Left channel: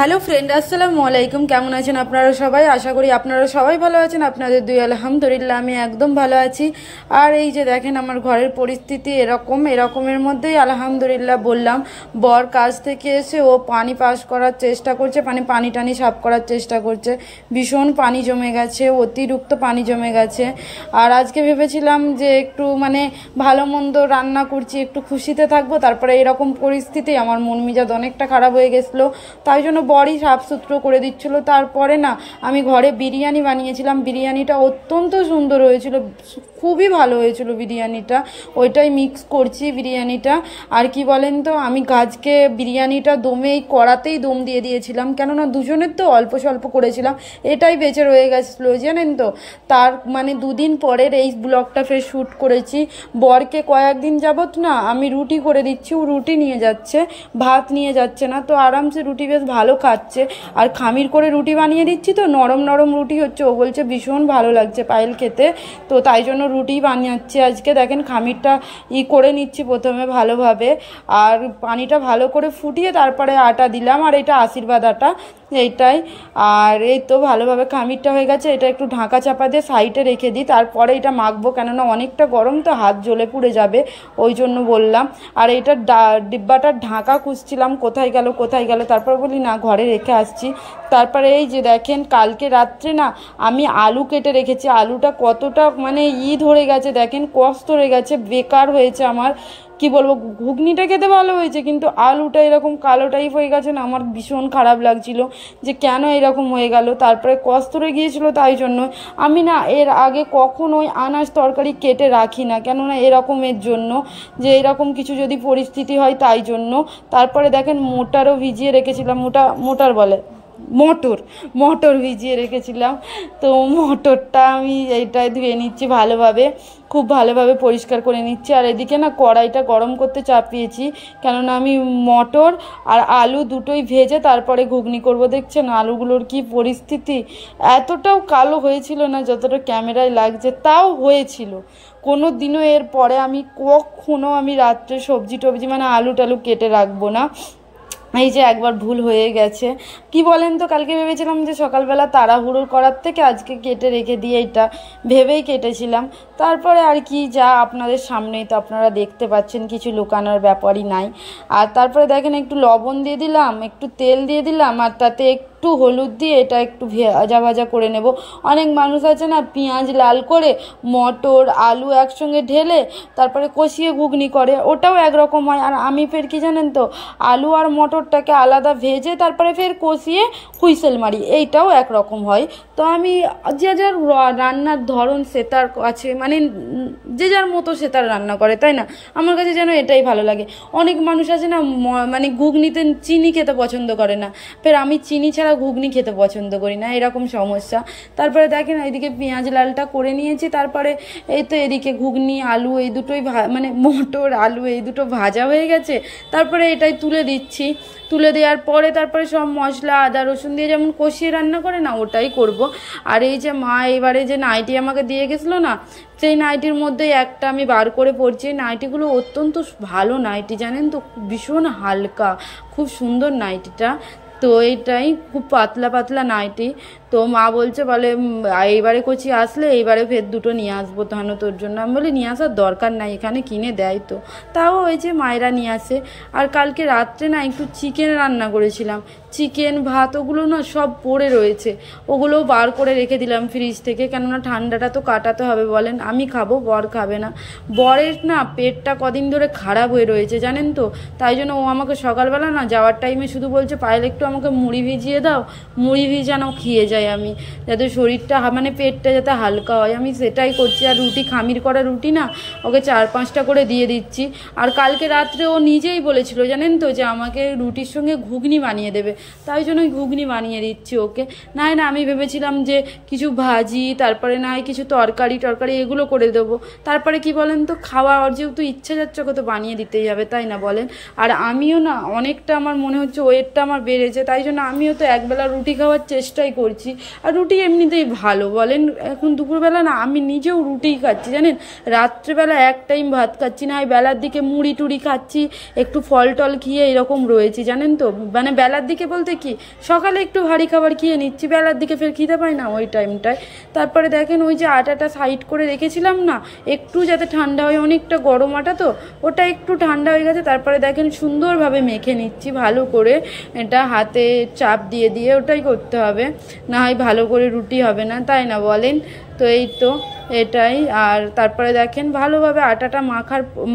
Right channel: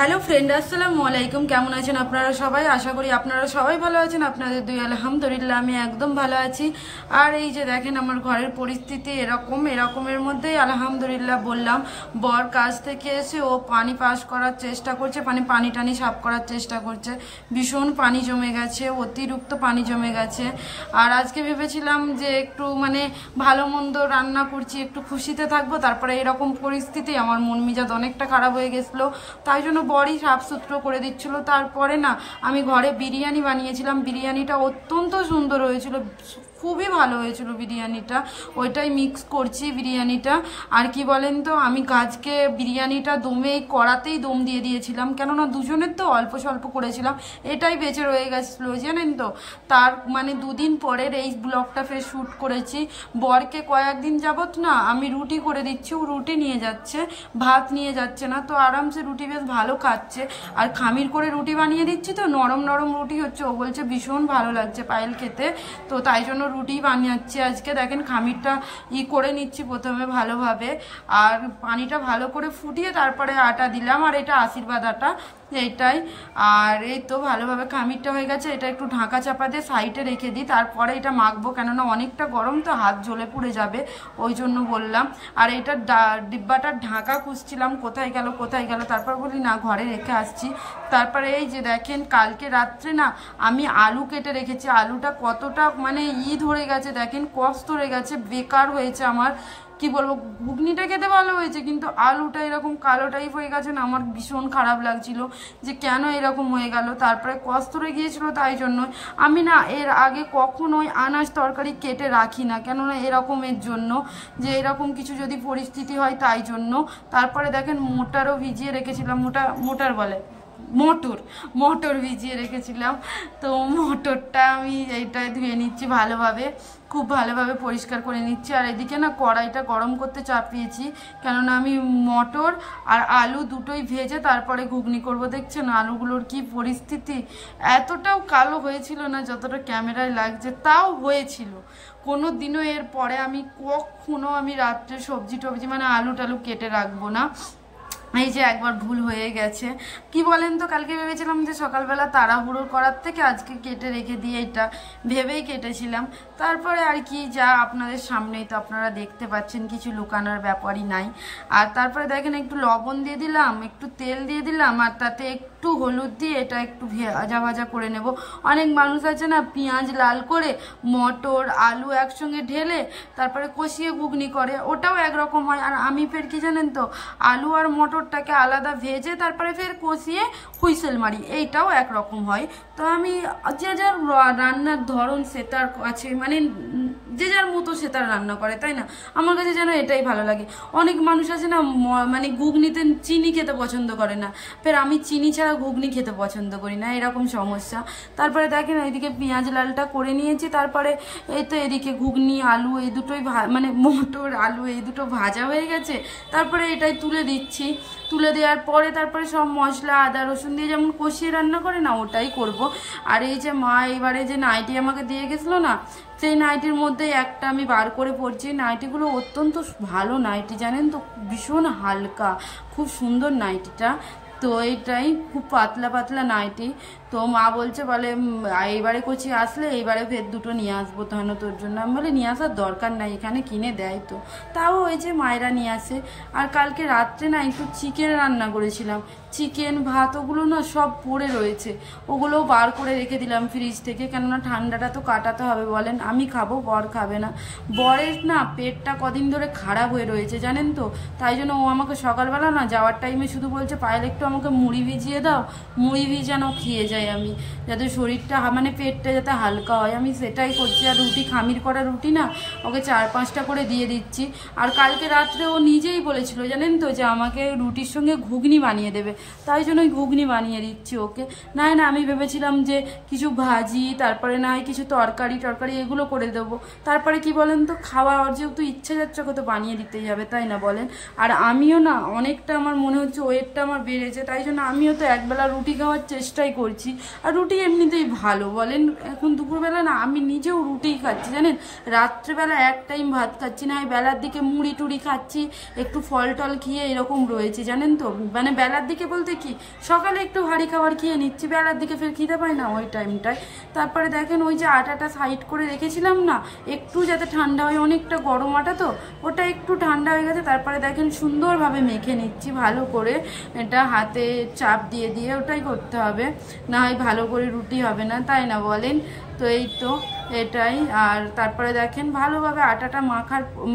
Hello friend, আসসালামু আলাইকুম। কেমন আছেন আপনারা সবাই? আশা করি আপনারা সবাই ভালো আছেন। আপনাদের দুই আলহামদুলিল্লাহ আমি একদম ভালো আছি। আর এই যে দেখেন আমার ঘরের পরিস্থিতি এরকমের মধ্যেই আলহামদুলিল্লাহ বললাম। বর কাজ থেকে এসে ও পানি পাস করার চেষ্টা করছে, পানি টানি সাফ করার চেষ্টা করছে। ভীষণ পানি জমে গেছে, অতিরিক্ত পানি জমে গেছে। আর আজকে ভেবেছিলাম যে একটু ভালো মন্দ রান্না করছি, একটু খুশিতে থাকবো। তারপরে এরকম পরিস্থিতি আমার মন মেজাজ অনেকটা খারাপ হয়ে গেছিলো, তাই জন্য বড়ি সাফ সুতরো করে দিচ্ছিল। তারপরে না আমি ঘরে বিরিয়ানি বানিয়েছিলাম। বিরিয়ানিটা অত্যন্ত সুন্দর হয়েছিল, খুবই ভালো হয়েছিল বিরিয়ানিটা। ওইটাই মিক্স করছি বিরিয়ানিটা। আর কি বলেন তো, আমি আজকে বিরিয়ানিটা দমে এই কড়াতেই দম দিয়ে দিয়েছিলাম, কেননা দুজনের তো অল্প স্বল্প করেছিলাম, এটাই বেঁচে রয়ে গেছিলো জানেন তো। তার দুদিন পরের এই ব্লগটা ফের শ্যুট করেছি। বরকে কয়েকদিন যাবত না আমি রুটি করে দিচ্ছি, ও রুটি নিয়ে যাচ্ছে, ভাত নিয়ে যাচ্ছে না। তো আরামসে রুটি বেশ ভালো খাচ্ছে। আর খামির করে রুটি বানিয়ে দিচ্ছি, তো নরম নরম রুটি হচ্ছে। ও বলছে ভীষণ ভালো লাগছে পায়েল খেতে, তো তাই জন্য রুটি বানিয়েছি আজকে। দেখেন খামিরটা করে নিচ্ছি প্রথমে ভালোভাবে, আর পানিটা ভালো করে ফুটিয়ে তারপরে আটা দিলাম। আর এটা আশীর্বাদ আটা, এইটাই। আর এই তো ভালোভাবে খামিরটা হয়ে গেছে। এটা একটু ঢাকা চাপা দিয়ে সাইডে রেখে দিই, তারপরে এটা মাখবো, কেননা অনেকটা গরম তো হাত জ্বলে পুড়ে যাবে, ওই জন্য বললাম। আর এইটা ডিব্বাটার ঢাকা খুঁজছিলাম, কোথায় গেল। তারপর বলি না, ঘরে রেখে আসছি। তারপরে এই যে দেখেন কালকে রাত্রে না আমি আলু কেটে রেখেছি। আলুটা কতটা ধরে গেছে দেখেন, কষ্ট ধরে গেছে, বেকার হয়েছে আমার। কি বলবো, ঘুগনিটা খেতে ভালো হয়েছে, কিন্তু আলুটা এরকম কালো টাইপ হয়ে গেছে না, আমার ভীষণ খারাপ লাগছিল যে কেন এরকম হয়ে গেল। তারপরে কষ্ট হয়ে গিয়েছিল, তাই জন্য আমি না এর আগে কখনোই আনাজ তরকারি কেটে রাখি না, কেননা এরকমের জন্য, যে এরকম কিছু যদি পরিস্থিতি হয় তাই জন্য। তারপরে দেখেন মোটারও ভিজিয়ে রেখেছিলাম, মটর ভিজিয়ে রেখেছিলাম। তো মটরটা আমি এইটাই ধুয়ে নিচ্ছি ভালোভাবে, খুব ভালোভাবে পরিষ্কার করে নিচ্ছি। আর এদিকে না কড়াইটা গরম করতে চাপিয়েছি, কেননা আমি মটর আর আলু দুটোই ভেজে তারপরে ঘুগনি করব। দেখছেন আলুগুলোর কি পরিস্থিতি, এতটাও কালো হয়েছিল না যতটা ক্যামেরায় লাগছে, তাও হয়েছিল। কোনো দিনও এর পরে আমি কখনো রাত্রে সবজি টবজি আলু টালু কেটে রাখবো না। এই যে একবার ভুল হয়ে গেছে। কি বলেন তো, কালকে ভেবেছিলাম যে সকালবেলা তাড়াহুড়ো করার থেকে আজকে কেটে রেখে দিয়ে, এটা ভেবেই কেটেছিলাম। তারপরে আর কি, যা আপনাদের সামনেই তো আপনারা দেখতে পাচ্ছেন, কিছু লুকানোর ব্যাপারই নাই। আর তারপরে দেখেন একটু লবণ দিয়ে দিলাম, একটু তেল দিয়ে দিলাম, আর তাতে একটু হলুদ দিয়ে এটা একটু ভাজা করে নেব। অনেক মানুষ আছে না পেঁয়াজ লাল করে মটর আলু একসঙ্গে ঢেলে তারপরে কষিয়ে ঘুগনি করে, ওটাও একরকম হয়। আর আমি ফের কি জানেন তো, আলু আর মটরটাকে আলাদা ভেজে তারপরে ফের কষিয়ে হুইসেল মারি, এইটাও একরকম হয়। তো আমি যে যার রান্নার ধরন সেটার আছে, যে যার মতো সে তার রান্না করে, তাই না? আমার কাছে যেন এটাই ভালো লাগে। অনেক মানুষ আছে না ঘুগনিতে চিনি খেতে পছন্দ করে না, ফের আমি চিনি ছাড়া ঘুগনি খেতে পছন্দ করি না, এরকম সমস্যা। তারপরে দেখেন এইদিকে পেঁয়াজ লালটা করে নিয়েছি। তারপরে এই তো এদিকে ঘুগনি আলু এই দুটোই মটর আলু এই দুটো ভাজা হয়ে গেছে। তারপরে এটাই তুলে দিচ্ছি। তুলে দেওয়ার পরে তারপরে সব মশলা আদা রসুন দিয়ে যেমন কষিয়ে রান্না করে না, ওটাই করব। আর এই যে মা এবারে যে নাইটি আমাকে দিয়ে গেছিলো না, সেই নাইটির মধ্যে একটা আমি বার করে পরছি। নাইটিগুলো অত্যন্ত ভালো নাইটি জানেন তো, ভীষণ হালকা, খুব সুন্দর নাইটিটা। তো এইটাই খুব পাতলা পাতলা নাইটি। তো মা বলছে, বলে এইবারে কচি আসলে এইবারে ফের দুটো নিয়ে আসবো তাহলে তোর জন্য। আমি বলি নিয়ে আসার দরকার নাই, এখানে কিনে দেয় তো। তাও ওই যে মায়েরা নিয়ে আসে। আর কালকে রাত্রে না একটু চিকেন রান্না করেছিলাম, চিকেন ভাত ওগুলো না সব পড়ে রয়েছে, ওগুলোও বার করে রেখে দিলাম ফ্রিজ থেকে, কেননা ঠান্ডাটা তো কাটাতে হবে বলেন। আমি খাবো, বর খাবে না। বরের না পেটটা কদিন ধরে খারাপ হয়ে রয়েছে জানেন তো, তাই জন্য ও আমাকে সকালবেলা না যাওয়ার টাইমে শুধু বলছে পায়েল একটু আমাকে মুড়ি ভিজিয়ে দাও, মুড়ি ভিজানো খেয়ে যায় আমি, যাতে শরীরটা পেটটা যাতে হালকা হয়, আমি সেটাই করছি। আর রুটি খামির করা রুটি না ওকে 4-5টা করে দিয়ে দিচ্ছি। আর কালকে রাত্রে ও নিজেই বলেছিল জানেন তো, যে আমাকে রুটির সঙ্গে ঘুগনি বানিয়ে দেবে, তাই জন্য ঘুগনি বানিয়ে দিচ্ছি ওকে। না আমি ভেবেছিলাম যে কিছু ভাজি, তারপরে না হয় কিছু তরকারি এগুলো করে দেবো। তারপরে কি বলেন তো, খাওয়া যেহেতু ইচ্ছা যাচ্ছে ওকে তো বানিয়ে দিতেই হবে, তাই না বলেন? আর আমিও না অনেকটা আমার মনে হচ্ছে ওয়েটটা আমার বেড়েছে, তাই জন্য আমিও তো একবেলা রুটি খাওয়ার চেষ্টাই করছি। নিচ্ছি। আর রুটি এমনিতেই ভালো বলেন, এখন দুপুরবেলা না আমি নিজেও রুটিই খাচ্ছি জানেন, রাত্রেবেলা এক টাইম ভাত খাচ্ছি না, বেলার দিকে মুড়ি টুড়ি খাচ্ছি, একটু ফল টল খেয়ে এরকম রয়েছি জানেন তো। মানে বেলার দিকে বলতে কি, সকালে একটু ভারী খাবার খেয়ে নিচ্ছি, বেলার দিকে ফের খিদে পাই না ওই টাইমটায়। তারপরে দেখেন ওই যে আটাটা সাইড করে রেখেছিলাম না, একটু যাতে ঠান্ডা হয়, অনেকটা গরম আটা তো, ওটা একটু ঠান্ডা হয়ে গেছে। তারপরে দেখেন সুন্দরভাবে মেখে নিচ্ছি ভালো করে, এটা হাতে চাপ দিয়ে দিয়ে ওটাই করতে হবে, না হয় ভালো করে রুটি হবে না, তাই না বলেন? তো এই তো এটাই। আর তারপরে দেখেন ভালোভাবে আটাটা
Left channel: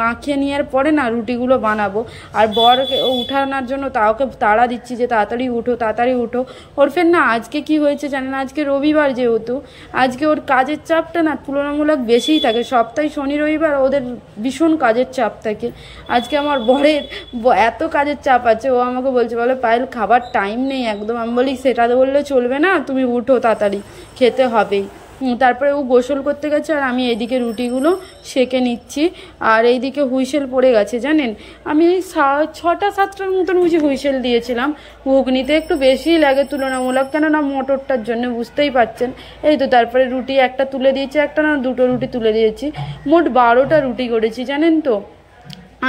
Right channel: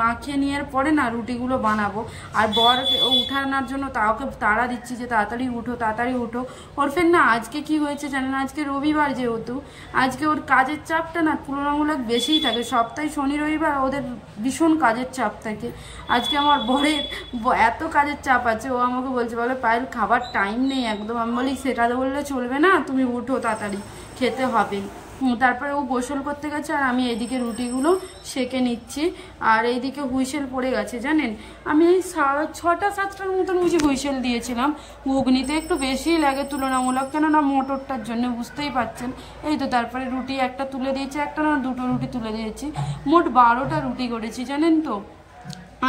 মাখিয়ে নেওয়ার পরে না রুটিগুলো বানাবো। আর বর উঠানোর জন্য ওকে তাড়া দিচ্ছি যে তাড়াতাড়ি উঠো তাড়াতাড়ি উঠো। ওর ফের না আজকে কি হয়েছে জানেন, আজকে রবিবার যেহেতু, আজকে ওর কাজের চাপটা না তুলনামূলক বেশিই থাকে। সপ্তাহে শনি রবিবার ওদের ভীষণ কাজের চাপ থাকে। আজকে আমার বরের এত কাজের চাপ আছে, ও আমাকে বলছে, বলে পায়েল খাবার টাইম নেই একদম। আমি বলি সেটা তো বললে চলবে না, তুমি উঠো তাড়াতাড়ি, খেতে হবেই। তারপরে ও গোসল করতে গেছে আর আমি এইদিকে রুটিগুলো সেঁকে নিচ্ছি। আর এইদিকে হুইসেল পড়ে গেছে জানেন, আমি এই 6টা-7টার মতন বুঝি হুইসেল দিয়েছিলাম। ঘুগনিতে একটু বেশিই লাগে তুলনামূলক, কেননা মটরটার জন্য, বুঝতেই পারছেন। এই তো তারপরে রুটি একটা তুলে দিয়েছি, একটা না দুটো রুটি তুলে দিয়েছি, মোট 12টা রুটি করেছি জানেন তো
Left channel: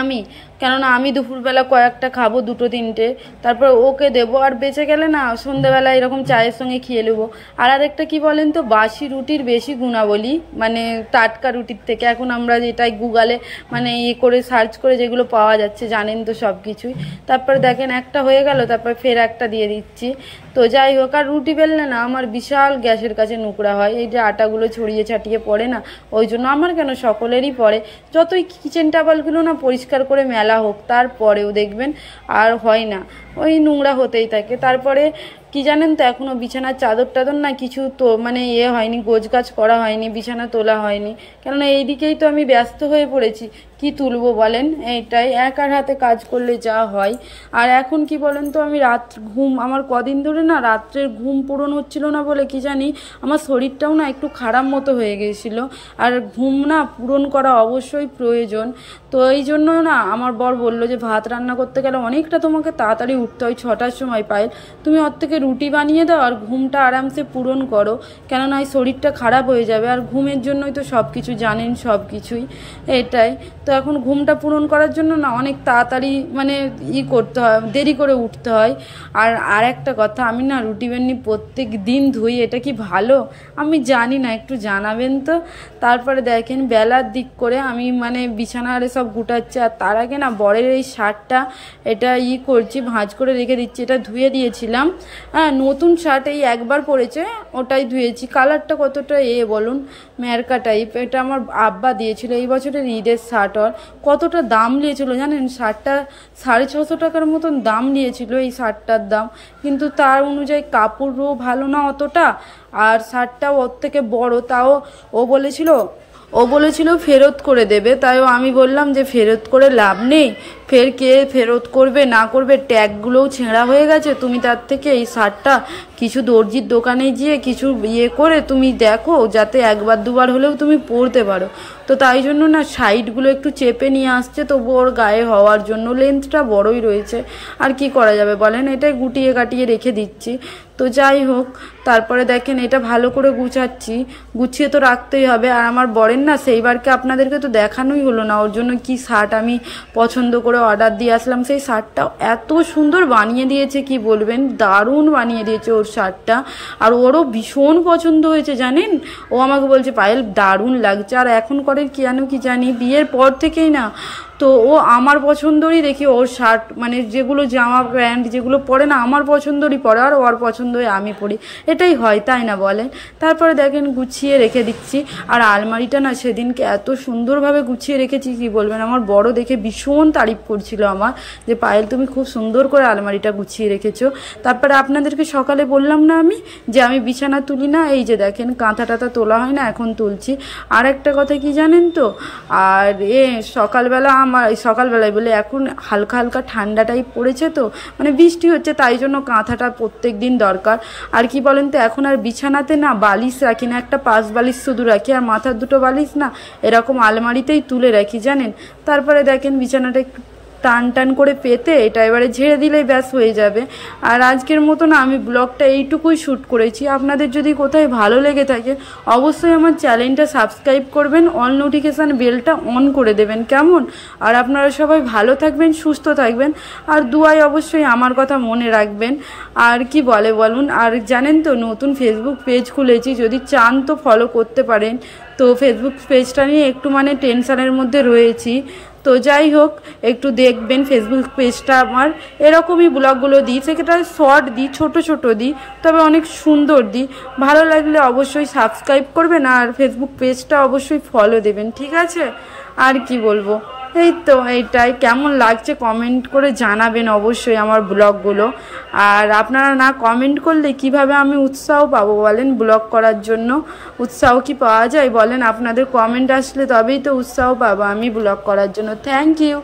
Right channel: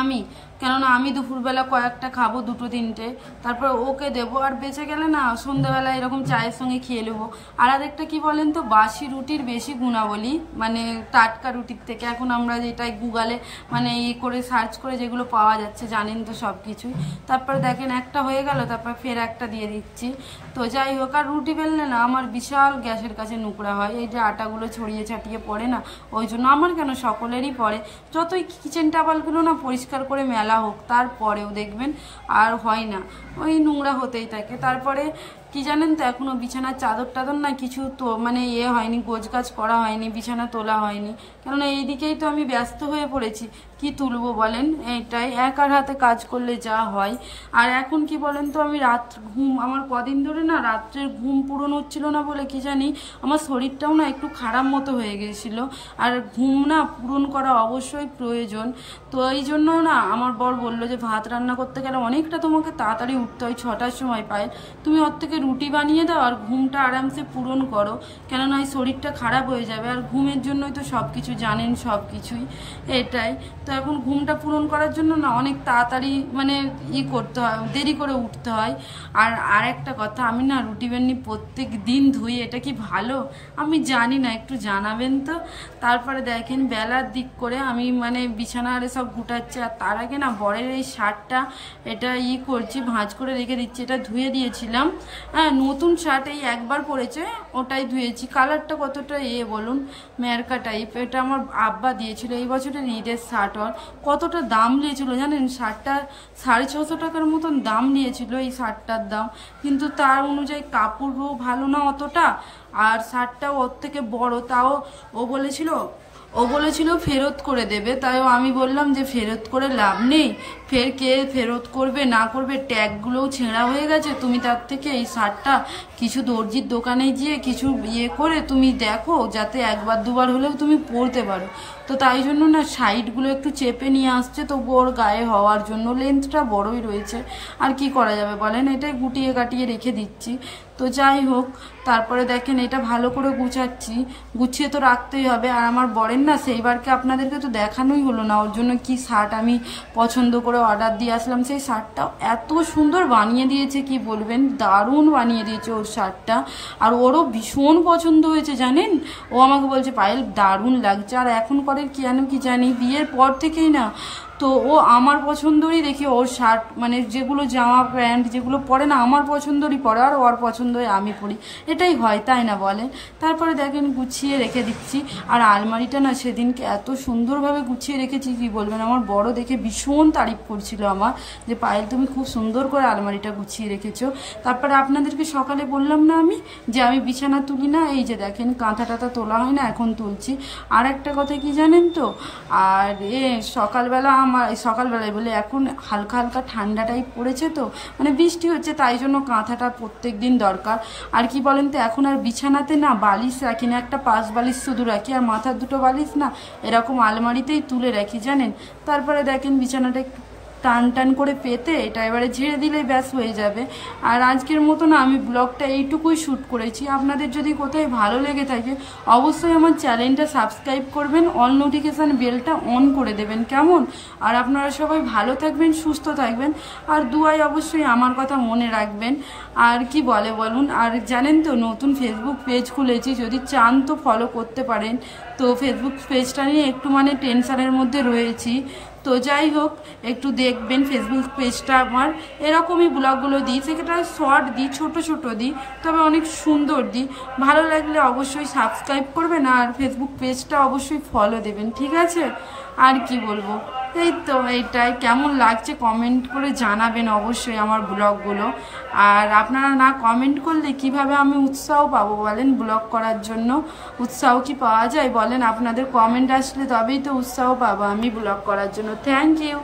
আমি। কেননা আমি দুপুরবেলা কয়েকটা খাবো, 2-3টে, তারপর ওকে দেবো। আর বেঁচে গেলে না সন্ধ্যাবেলা এরকম চায়ের সঙ্গে খেয়ে নেবো। আর আরেকটা কি বলেন তো, বাসি রুটির বেশি গুণাবলী, মানে টাটকা রুটির থেকে। এখন আমরা যেটাই গুগলে মানে করে সার্চ করে যেগুলো পাওয়া যাচ্ছে জানেন তো সব কিছুই। তারপর দেখেন একটা হয়ে গেল, তারপর ফের একটা দিয়ে দিচ্ছি। তো যাই হোক, আর রুটি বেললে না আমার বিশাল গ্যাসের কাছে নোংরা হয়, এই যে আটাগুলো ছড়িয়ে ছাটিয়ে পড়ে না, ওই জন্য আমার কেন সকলেরই পড়ে। যতই কিচেন টেবিলগুলো না পরিষ্কার করে মেলা হোক, তারপরেও দেখবেন আর হয় না, ওই নোংরা হতেই থাকে। তারপরে কি জানেন তো, এখনো বিছানার চাদর টাদর না কিছু তো মানে হয়নি, গোছগাছ করা হয়নি, বিছানা তোলা হয়নি, কেননা এইদিকেই তো আমি ব্যস্ত হয়ে পড়েছি। কি তুলবো বলেন, এইটাই একার হাতে কাজ করলে যা হয়। আর এখন কি বলেন তো, আমি আমার কদিন ধরে না রাত্রের ঘুম পূরণ হচ্ছিল না বলে কি জানি, আমার শরীরটাও না একটু খারাপ মতো হয়ে গেছিল। আর ঘুম না পূরণ করা অবশ্যই প্রয়োজন। তো এই জন্য না আমার বর বললো যে ভাত রান্না করতে গেলে অনেকটা তোমাকে তাড়াতাড়ি উঠতে হয়, 6টার সময় পাই, তুমি ওর থেকে রুটি বানিয়ে দাও আর ঘুমটা আরামসে পূরণ করো, কেননা এই শরীরটা খারাপ হয়ে যাবে। আর ঘুমের জন্যই তো সব কিছু জানেন, সব কিছুই এটাই। তো এখন ঘুমটা পূরণ করার জন্য না অনেক তাড়াতাড়ি মানে করতে হয়, দেরি করে উঠতে হয়। আর একটা কথা, আমি না রুটি বেননি প্রত্যেক দিন ধুই, এটা কি ভালো? আমি জানি না, একটু জানাবেন তো। তারপরে দেখেন বেলার দিক করে আমি মানে বিছানারে সব গুটাচ্ছি, আর তার আগে না বরের এই শার্টটা এটা করছি, ভাঁজ করে রেখে দিচ্ছি। এটা ধুয়ে দিয়েছিলাম, হ্যাঁ নতুন শার্ট এই একবার পরেছে, ওটাই ধুয়েছি। কালারটা কতটা বলুন, মেরকা টাইপ। এটা আমার আব্বা দিয়েছিল এই বছরের ঈদের শার্ট। আর কতটা দাম নিয়েছিল জানেন, শার্টটা 650 টাকার মতন দাম নিয়েছিল এই শার্টটার দাম। কিন্তু তার অনুযায়ী কাপড়ও ভালো না অতটা, আর শার্টটাও ওর থেকে বড়। তাও ও বলেছিল ফেরত করে দেবে, তাইও আমি বললাম যে ফেরত করে লাভ নেই, ফের কে ফেরত করবে না করবে, ট্যাগগুলোও ছেঁড়া হয়ে গেছে। তুমি তার থেকে এই শার্টটা কিছু দর্জির দোকানে গিয়ে কিছু করে তুমি দেখো, যাতে একবার দুবার হলেও তুমি পরতে পারো। তো তাই জন্য না সাইডগুলো একটু চেপে নিয়ে আসছে, তবু ওর গায়ে হওয়ার জন্য। লেন্থটা বড়ই রয়েছে, আর কি করা যাবে বলেন, এটাই গুটিয়ে কাটিয়ে রেখে দিচ্ছি। তো যাই হোক, তারপরে দেখেন এটা ভালো করে গুছাচ্ছি, গুছিয়ে তো রাখতেই হবে। আর আমার বরের না সেইবারকে আপনাদেরকে তো দেখানোই হলো না, ওর জন্য কি শার্ট আমি পছন্দ করে অর্ডার দিয়ে আসলাম। সেই শার্টটাও এত সুন্দর বানিয়ে দিয়েছে, কি বলবেন, দারুণ বানিয়ে দিয়েছে ওর শার্টটা। আর ওরও ভীষণ পছন্দ হয়েছে জানেন, ও আমাকে বলছে পায়েল দারুণ লাগছে। আর এখন করে কেন কি জানি, বিয়ের পর থেকেই না তো ও আমার পছন্দরই দেখি ওর শার্ট, মানে যেগুলো জামা প্যান্ট যেগুলো পরে না আমার পছন্দরই পরে, আর ওর পছন্দই আমি পরি, এটাই হয় তাই না বলেন। তারপরে দেখেন গুছিয়ে রেখে দিচ্ছি। আর আলমারিটা না সেদিনকে এত সুন্দরভাবে গুছিয়ে রেখেছি, কি বলবেন, আমার বড় দেখে ভীষণ তারিফ করছিল আমার, যে পায়েল তুমি খুব সুন্দর করে আলমারিটা গুছিয়ে রেখেছো। তারপরে আপনাদেরকে সকালে বললাম না আমি যে আমি বিছানা তুলি না, এই যে দেখেন কাঁথা টাথা তোলা হয় না, এখন তুলছি। আর একটা কথা কি জানেন তো, আর সকালবেলায় বলে এখন হালকা হালকা ঠান্ডা টাইপ পড়েছে, তো মানে বৃষ্টি হচ্ছে, তাই জন্য কাঁথাটা প্রত্যেক দিন দরকার। আর কি বলেন তো, এখন আর বিছানাতে না বালিশ রাখি না, একটা পাশ বালিশ শুধু রাখি, আর মাথার দুটো বালিশ না এরকম আলমারিতেই তুলে রাখি জানেন। তারপরে দেখেন বিছানাটা একটু টান টান করে পেতে এটা এবারে ঝেড়ে দিলেই ব্যাস হয়ে যাবে। আর আজকের মতো না আমি ব্লগটা এইটুকুই শ্যুট করেছি। আপনাদের যদি কোথায় ভালো লেগে থাকে অবশ্যই আমার চ্যানেলটা সাবস্ক্রাইব করবেন, অল নোটিফিকেশান বেলটা অন করে দেবেন, কেমন? আর আপনারা সবাই ভালো থাকবেন, সুস্থ থাকবেন, আর দুয়ায় অবশ্যই আমার কথা মনে রাখবেন। আর কি বলুন। আর জানেন তো নতুন ফেসবুক পেজ খুলেছি, যদি চান তো ফলো করতে পারেন। তো ফেসবুক পেজটা নিয়ে একটু মানে টেনশানের মধ্যে রয়েছি। তো যাই হোক, একটু দেখবেন ফেসবুক পেজটা আমার। এরকমই ব্লগগুলো দিই, সেটা শর্ট দিই, ছোট ছোট দিই, তবে অনেক সুন্দর দিই। ভালো লাগলে অবশ্যই সাবস্ক্রাইব করবেন আর ফেসবুক পেজটা অবশ্যই ফলো দেবেন, ঠিক আছে? আর কি বলবো, এই তো এইটাই। কেমন লাগছে কমেন্ট করে জানাবেন অবশ্যই আমার ব্লগগুলো। আর আপনারা না কমেন্ট করলে কিভাবে আমি উৎসাহ পাবো বলেন ব্লগ করার জন্য? উৎসাহ কি পাওয়া যায় বলেন? আপনাদের কমেন্ট আসলে তবেই তো উৎসাহ পাবো আমি ব্লগ করার জন্য। Thank you.